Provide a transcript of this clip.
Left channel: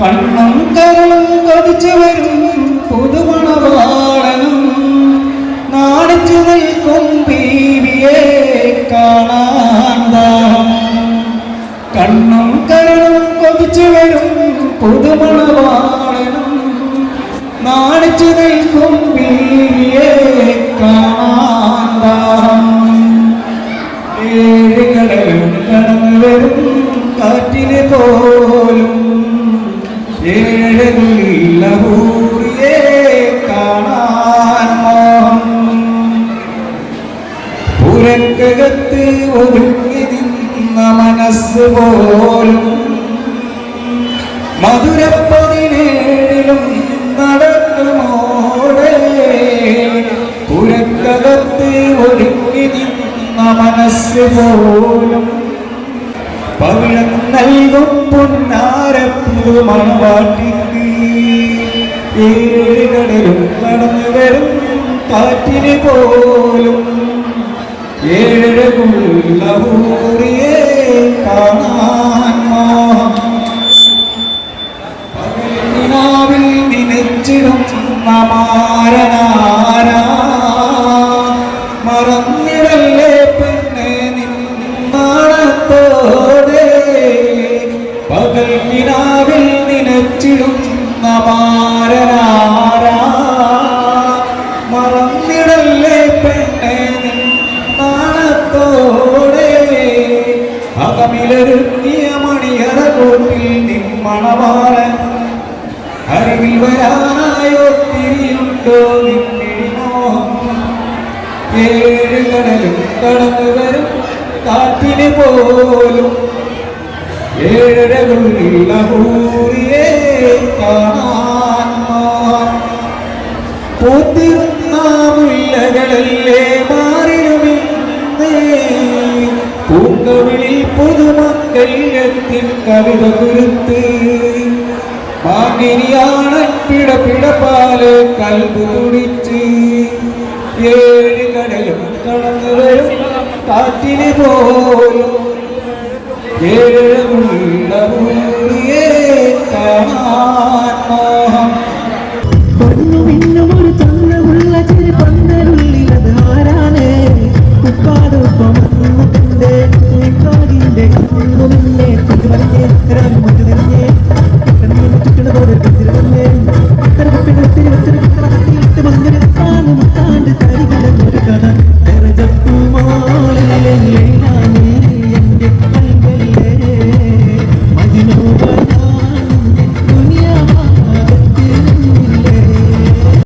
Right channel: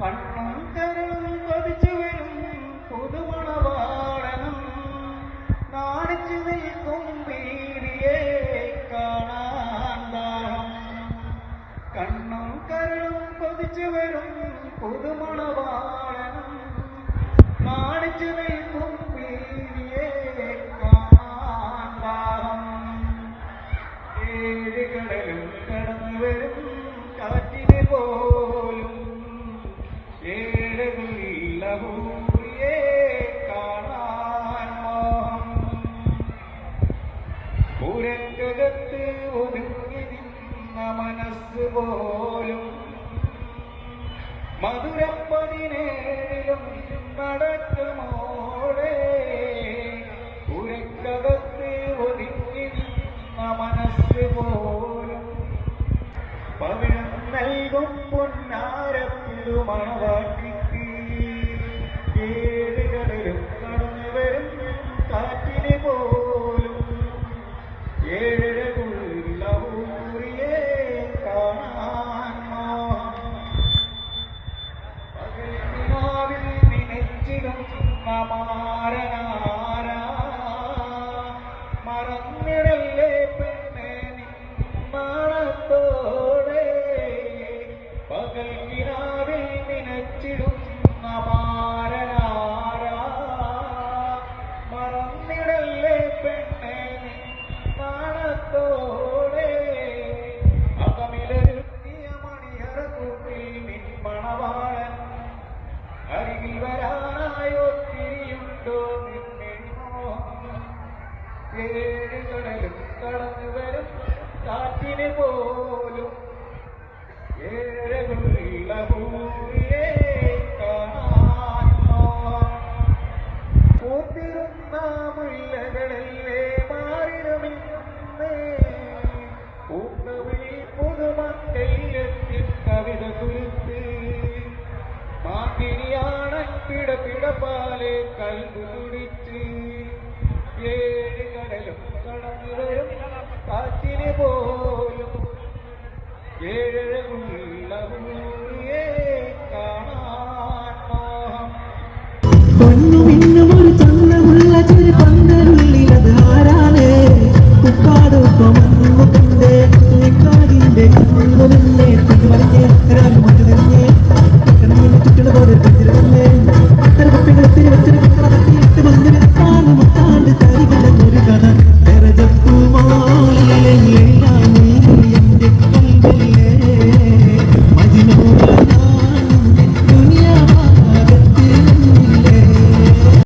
കണ്ണും കരളും കൊതിച്ചു വരും പുതുമണവാളനും. നാണിച്ചു നിൽക്കും ബീവിയെ കാണാൻ ദാഹം. കണ്ണും കരളും കൊതിച്ചു വരും പുതുമണവാളനും. നാണിച്ചു നിൽക്കും ബീവിയെ കാണാൻ ദാഹം. ഏഴ് കടലും കടന്നു വരും കാറ്റിനെ പോലും ഏഴകുള്ള ഊരിയെ കാണാൻ പുരക്കകത്ത് ഒതുങ്ങി നിന്ന മനസ്സ് പോലും മധുരപ്പതിനേഴിലും നടക്കുമോടെ പുരക്കകത്ത് ഒതുങ്ങി നിന്ന മനസ്സ് പോലും പവിഴം നൽകും പൊന്നാരപ്പു മണവാട്ടിക്ക് ഏഴ് കടലും നടന്നു വരും കാറ്റിന് പോലും ഏഴകുള്ള ഊറിയെ കാണാൻ പകലിനാവിൽ നിനച്ചിടും മാരനാരാ ഏഴ് കടലും കടന്നു വരും. കാറ്റിന് പോലും ഏഴരകളുള്ള പൂരിയെ കാണാൻ. പൂത്തിരുന്ന മുല്ലകളല്ലേ മാറിലുമിന്നേ പൂങ്കവിളിൽ പുതുമക്കൾ എത്തി കവിത കുരുത്ത്. ഭാഗിനിയാണ് പിട പിടപ്പാൽ കൽബ് തുടിച്ച് വരും കാറ്റിന് പോലും ഉപ്പാടുപ്പ മണ്ണു തന്റെ കാടിന്റെ കണ്ണുലിന്റെ തിരുവനന്തപുരം